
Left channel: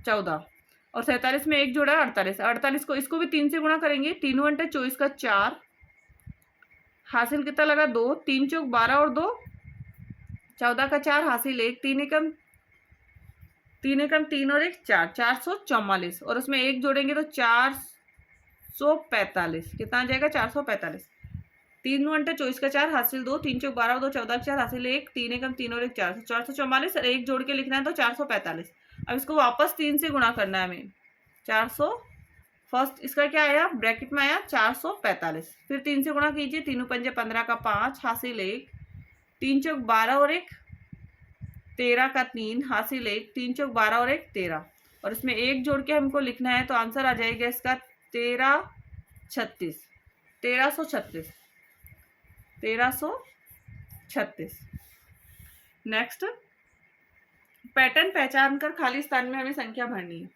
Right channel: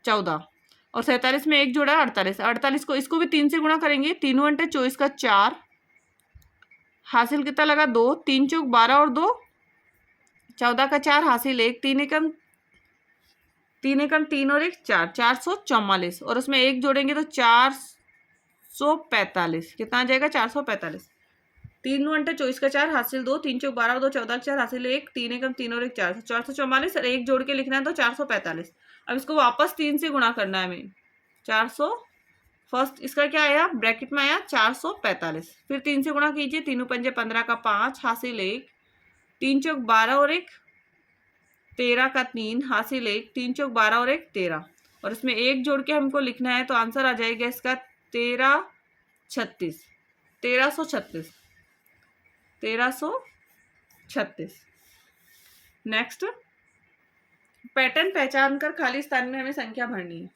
14, और 47 में एक जोड़ा 48। 48 को इसको भी 3 से गुणा करेंगे। 3 घंटे 24 का 4, हासिल कितना लगा? 2, 3 चौक 12 और 2 14 का 4, हासिल 1, 3 एकम 3 और 1 4, 444, और उसमें एक जोड़ेंगे तो 445, कितना आ जाएगा? 445। 3 घंटे 24 का 4, हासिल 2, 3 चौक 12 और 2 14 का 4, हासिल 1, 3 एकम 3 और 1 4, 444, और एक जोड़ के लिखना है तो 445। अब इसको वापस 3 से गुणा करना है हमें। 400, फर्स्ट इसका क्या आया? ब्रैकेट में आया 445, फिर 3 से गुणा कीजिए। 3 पंजे 15 का 5, हासिल 1, 3 चौक 12 और 1 13 का 3, हासिल 1, 3 चौक 12 और 1 13, और इसमें एक जोड़ के हमको लिखना है तो आंसर आ जाएगा इसका 1336, 1336, 1336। नेक्स्ट, पैटर्न पहचान कर खाली स्थान में हमें संख्या भरनी है।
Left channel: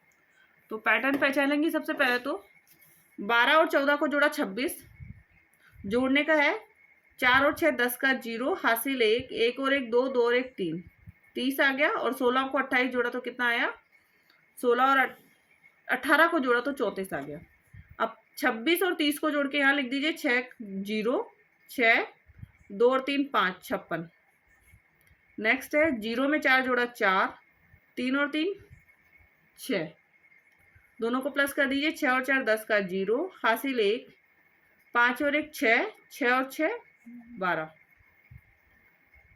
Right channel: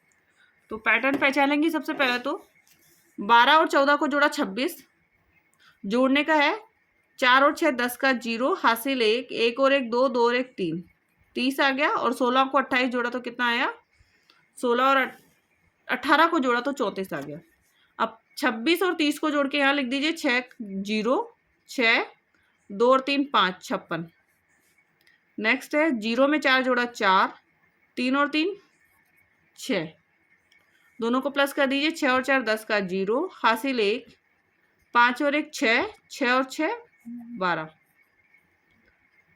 तो पैटर्न पहचानेंगे। सबसे पहले तो 12 और 14 को जोड़ा 26, जोड़ने का है। 4 और 6 10 का 0, हासिल 1, 1 और 1 2, 2 और 1 3, 30 आ गया। और 16 को 28 जोड़ा तो कितना आया? 16 और 18 को जोड़ा तो 34 आ गया। अब 26 और 30 को जोड़ के यहाँ लिख दीजिए। 6 0 6, 2 और 3 5, 56। नेक्स्ट है 0 में 4 जोड़ा 4, 3 और 3 6, दोनों को प्लस कर दीजिए। 6 और 4 10 का 0, हासिल 1, 5 और 1 6, 6 और 6 12,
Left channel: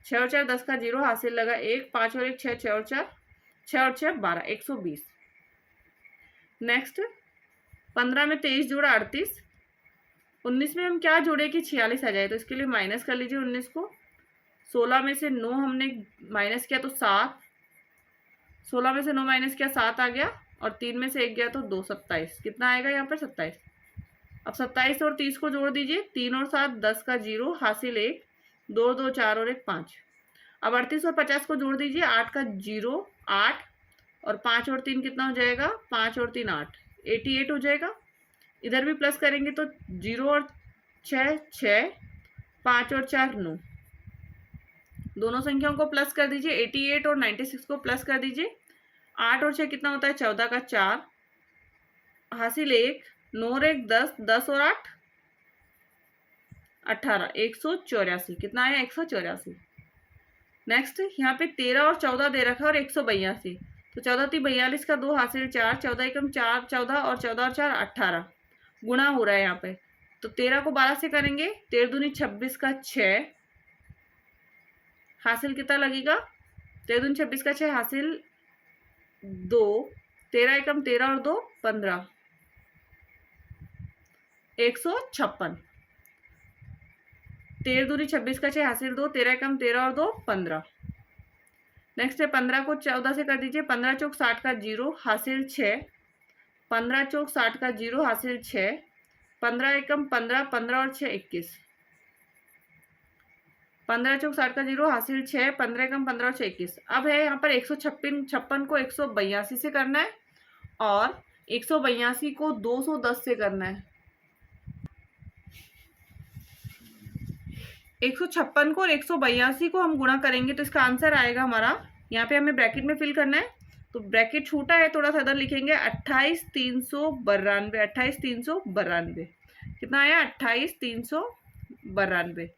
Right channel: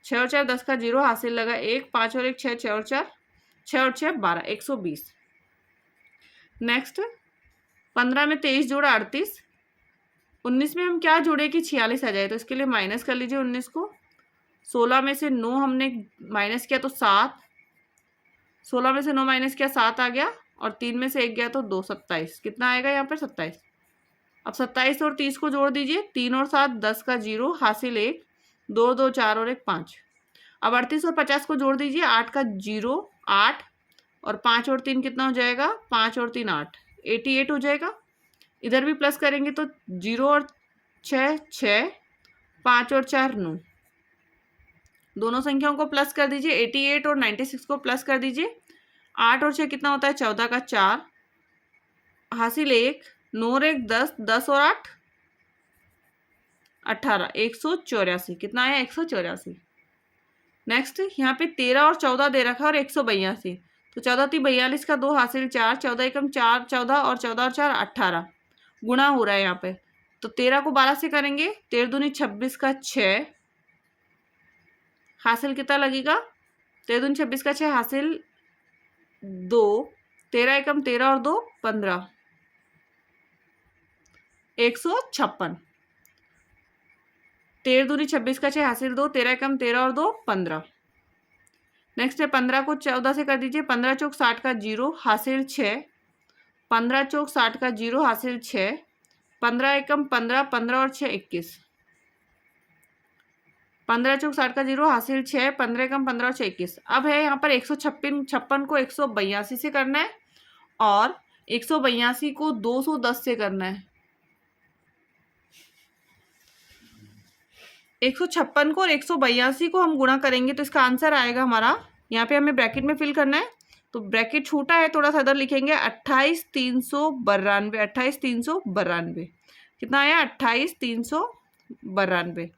6 और 4 10 का 0, हासिल लगा 1, 5 और 1 6, 6 और 4 6 और 6 12, 120। नेक्स्ट, 15 में 23 जोड़ा 38, 19 में हम क्या जोड़े कि 46 आ जाए, तो इसके लिए माइनस कर लीजिए 19 को। 16 में से 9 हमने माइनस किया तो 7, 16 में से 9 माइनस किया 7 आ गया, और 3 में से 1 गया तो 2, 27, कितना आएगा यहाँ पर? 27। अब 27 और 30 को जोड़ दीजिए। 3 और 7 10 का 0, हासिल 1, 2 2 4 और 1 5। अब 38 और 50 को जोड़ दीजिए। 8 का 0 8, और 5 और 3 कितना हो जाएगा? 5 और 3 8, 88 हो जाएगा। इधर भी प्लस करेंगे तो 0 और 6 6, 5 और 4 9, दोनों संख्याओं को प्लस कर दीजिए। 88 और 96 को प्लस कर दीजिए। 8 और 6 कितना होता है? 14 का 4, हासिल 1, 9 और 1 10, 10 और 8 18, 184, कितना आया? 184। नेक्स्ट, यहाँ पे 13 और 14 दे रखा है और 182, तो 14 थी 42 का 2, हासिल 4, 14 एकम 4 14, और 14 और 4 18, गुणा हो रहा है यहाँ पे। तो 13 को 12 से करेंगे। 13 दूनी 26 का 6, हासिल कितना लगेगा? 13 दूनी 26 का 6, हासिल 2, 13 एकम 13 और 2 15, 156। 13 दूनी 26 का 6 हासिल 2, 13 एकम 13 और 2 15। नेक्स्ट है 15 को 14 से कर दीजिए, 15 चौक 60 का 0 हासिल 6, 15 चौक 60 का 0 हासिल 6, 15 एकम 15, 15 और 6 21। 15 चौक 60 का 0 हासिल 6, 15 एकम 15 और 6 21। अब है यहाँ पर 156 को 182 से करना है और 182 को 210 से करना है। 156 को और 182 को हम गुणा करेंगे तो इसका आंसर आएगा हमारा, यहाँ पे हमें ब्रैकेट में फिल करना है तो ब्रैकेट छोटा है थोड़ा सा, इधर लिखेंगे 28,392। 28,392 कितना आया? 28,392।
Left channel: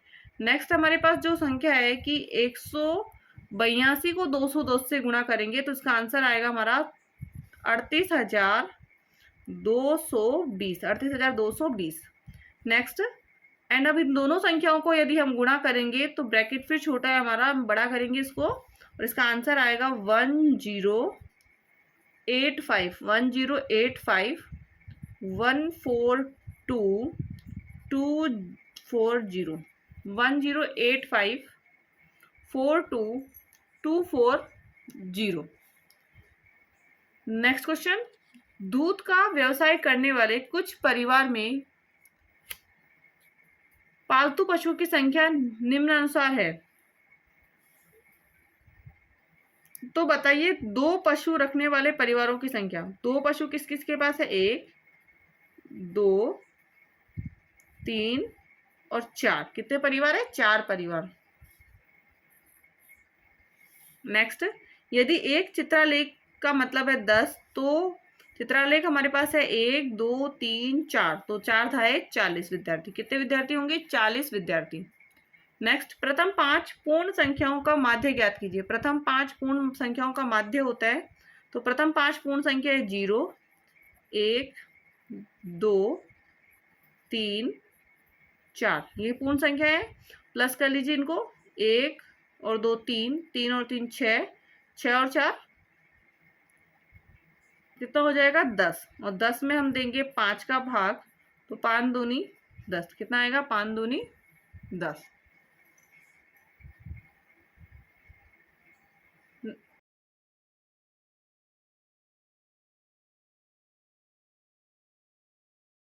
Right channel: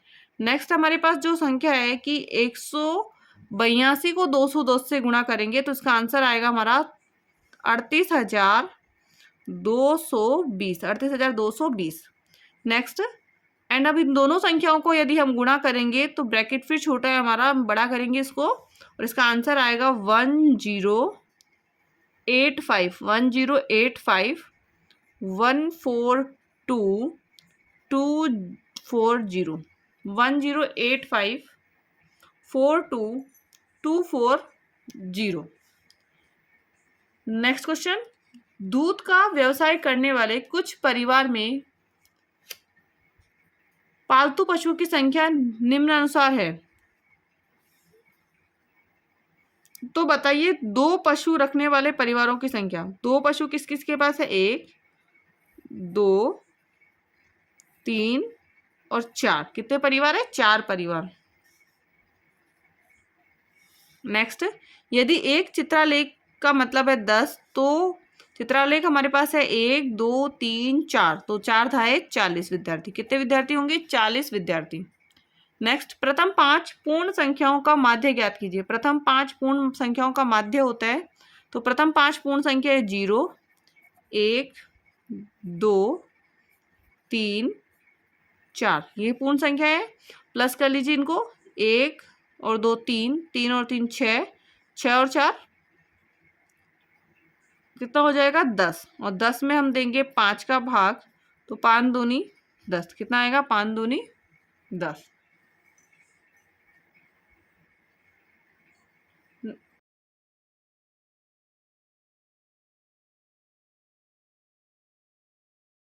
नेक्स्ट हमारे पास जो संख्या है कि 182 को 210 से गुणा करेंगे तो इसका आंसर आएगा हमारा 38,220। 38,220। नेक्स्ट एंड अब इन दोनों संख्याओं को यदि हम गुणा करेंगे तो ब्रैकेट फिर छोटा है हमारा, हम बड़ा करेंगे इसको और इसका आंसर आएगा 1085। 1085 142 240। 1085 42240। नेक्स्ट क्वेश्चन, दूध का व्यवसाय करने वाले कुछ परिवार में पालतू पशुओं की संख्या निम्नानुसार है। तो बताइए 2 पशु रखने वाले परिवारों की संख्या। 2 पशु किस किस के पास है? 1 2 3 और 4। कितने परिवार है? 4 परिवार। नेक्स्ट, यदि एक चित्रालेख का मतलब है 10 तो चित्रालेख हमारे पास है 1 2 3 4, तो 4 धाए 40 विद्यार्थी। कितने विद्यार्थी होंगे? 40 विद्यार्थी। नेक्स्ट, प्रथम 5 पूर्ण संख्याओं का माध्य ज्ञात कीजिए। प्रथम 5 पूर्ण संख्याओं का माध्य होता है तो प्रथम 5 पूर्ण संख्या है 0 1 2 3 4। ये पूर्ण संख्या है, प्लस कर लीजिए इनको, 1 और 2 3, 3 और 3 6, 6 और 4 कितना हो जाएगा? 10। और 10 में हम देंगे 5 का भाग तो 5 दूनी 10। कितना आएगा? 5 दूनी 10।